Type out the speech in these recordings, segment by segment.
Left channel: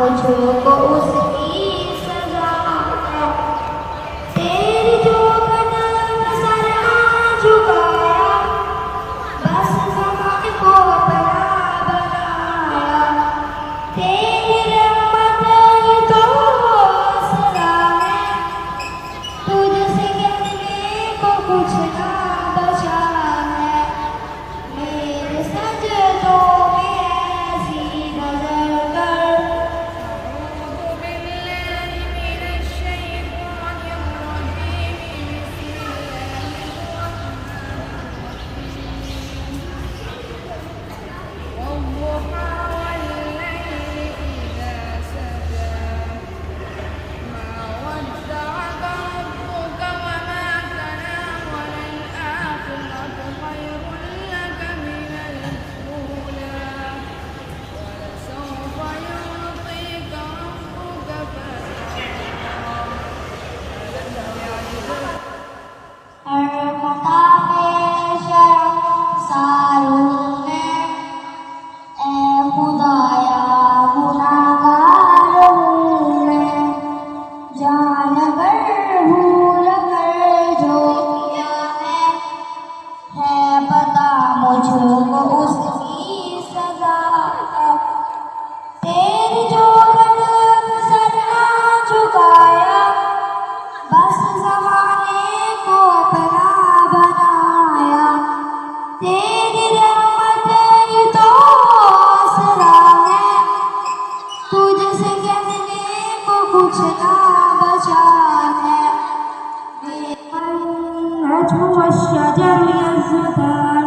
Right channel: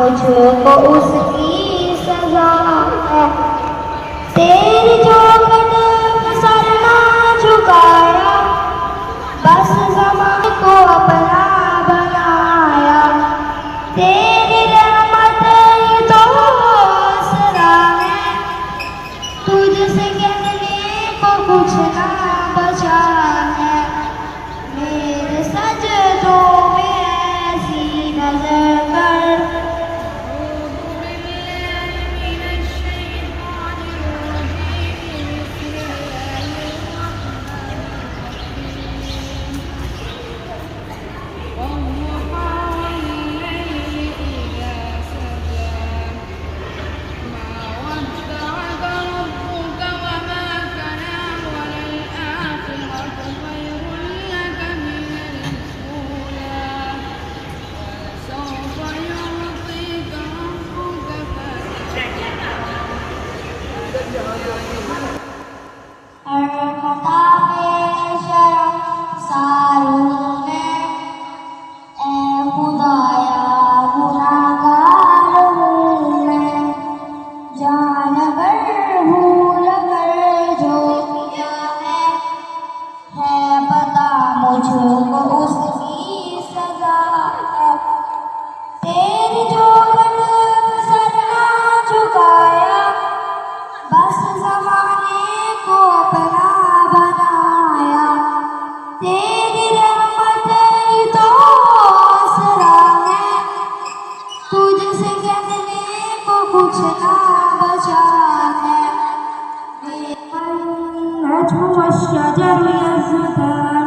मुझको उसकी सजा है। तेरी जो कदम सर ना झुकाया, बस ज़माने को अपना बनाया। तेरी रहमत ये तो आसरा है, तुझसे कहने को कुछ ना बचा है। मेरे सजदों में ऐसी नजर कर, मुझको उसकी सजा है। तेरी जो कदम सर ना झुकाया, बस ज़माने को अपना बनाया। तेरी रहमत ये तो आसरा है, तुझसे कहने को कुछ ना बचा है। नज्म वश्शजर यस्जुदान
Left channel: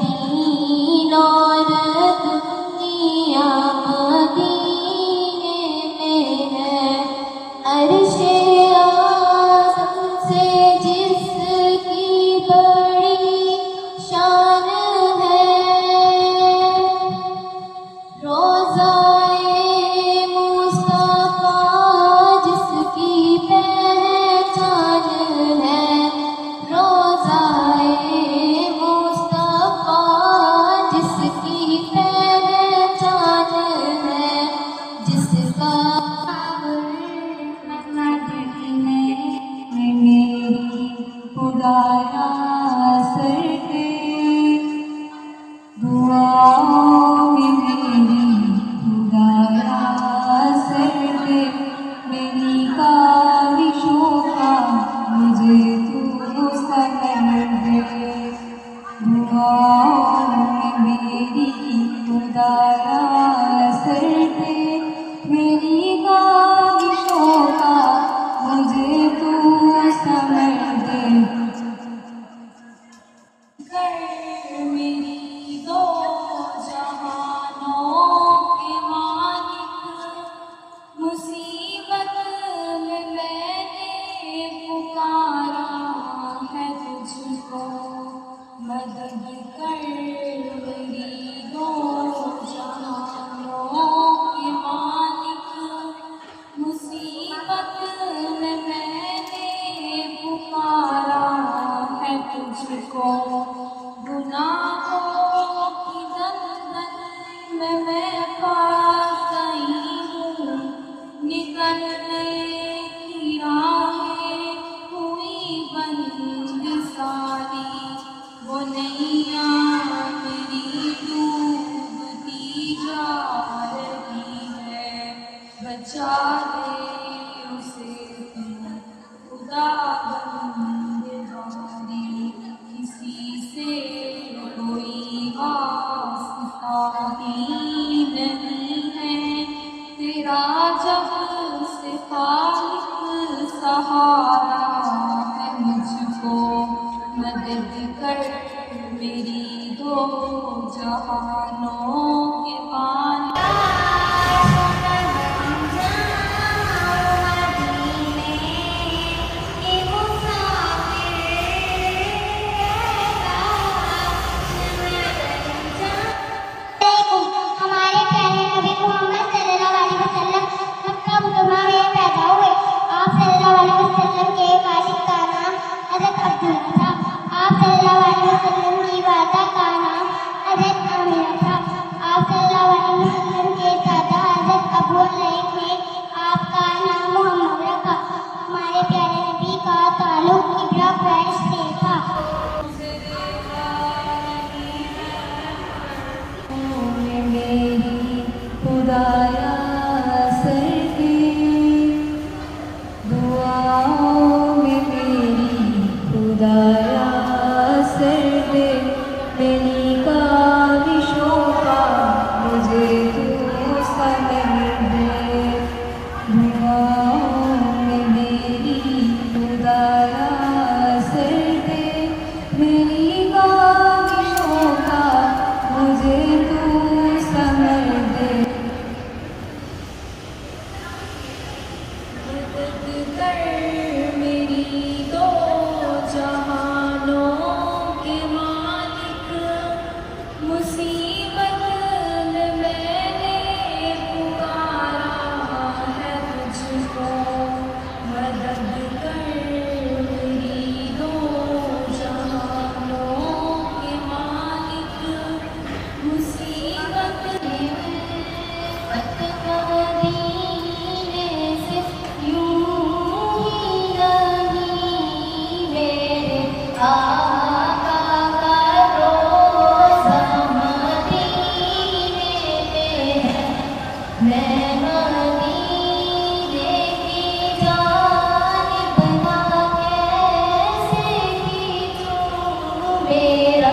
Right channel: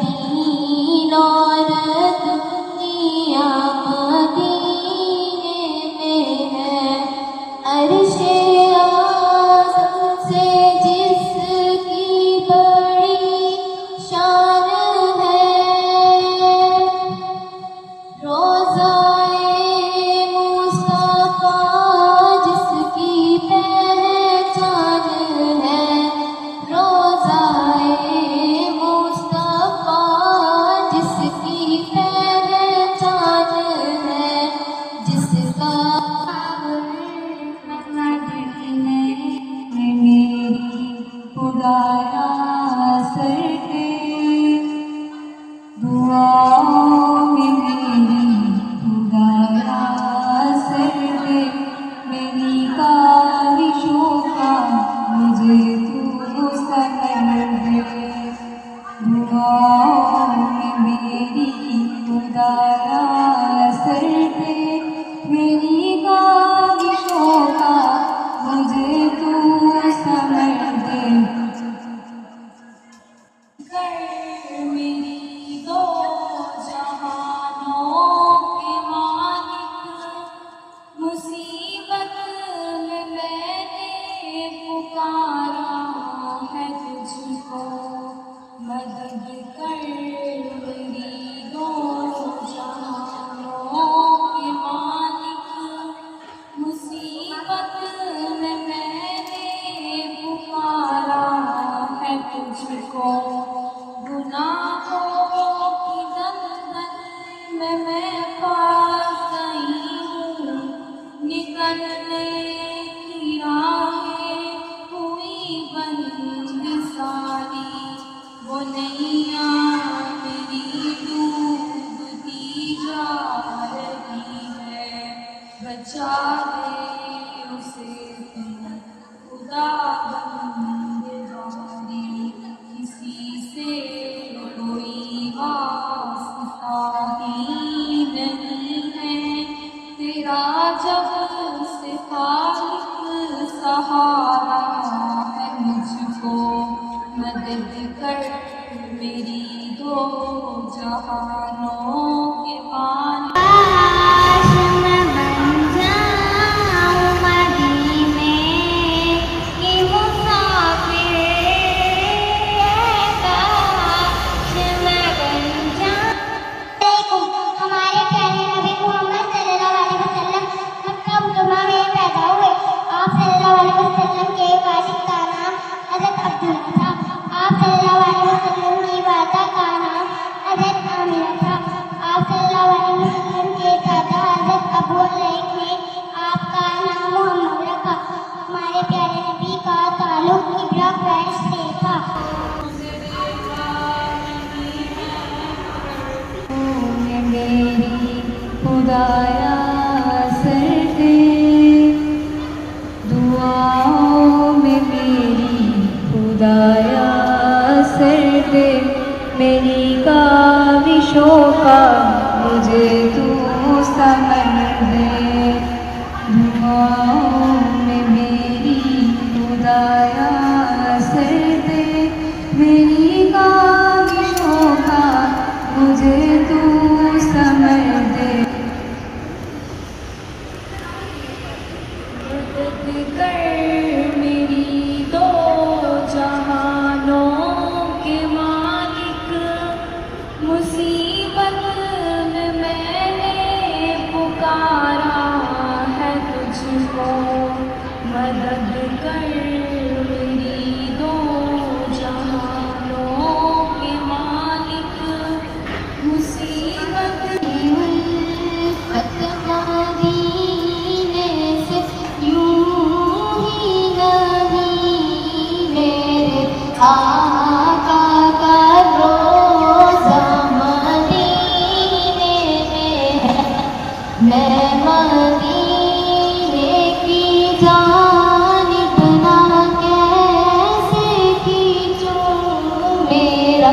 दीन और दुनिया मदीने दुआओं में मेरी खुदाया सर दे मेरी ख्वाहिशों का मुझे तू समझ दे दुआओं में मेरी खुदाया सर दे मेरी ख्वाहिशों का मुझे तू समझ दे कर मेरी दो जहानों के मालिक मुसीबत में मैंने पुकारा है तुझको मदद कर मेरी दो जहानों के मालिक मुसीबत में मैंने पुकारा है तुझको गुनाहों की दलदल में मैं फंस गई हूँ निकलने की राहें हुई बंद सारी वो नैया मेरी डूबती जा रही है बचा ले उसे तुम खुदा बंदगारी किसी से कोई वास्ता ही नहीं है तेरा जब से खालिक सहारा है मुझको मदद कर मेरी दो जहानों के मालिक हमारे प्यारे नबी मोहम्मद सल्लल्लाहु अलैहि वसल्लम मक्का मुकरमा में पैदा हुए। आप सल्लल्लाहु अलैहि वसल्लम के वालिद का नाम हज़रत अब्दुल्ला था। आप सल्लल्लाहु अलैहि वसल्लम की वालिदा का नाम हज़रत आमिना था। आप सल्लल्लाहु अलैहि वसल्लम के दादा हज़रत अबू लैब ने आपका नाम मोहम्मद रखा। हमारे प्यारे नबी का ताल्लुक इब्रा कुरैश से था। मेरी खुदाया सर दे दुआओं में मेरी खुदाया सर दे मेरी ख्वाहिशों का मुझे तू समझ दे दुआओं में मेरी खुदाया सर दे मेरी ख्वाहिशों का मुझे तू समझ दे मदद कर मेरी दो जहानों के मालिक मुसीबत में मैंने पुकारा है तुझको मदद कर मेरी दो जहानों के मालिक मुसीबत मेरा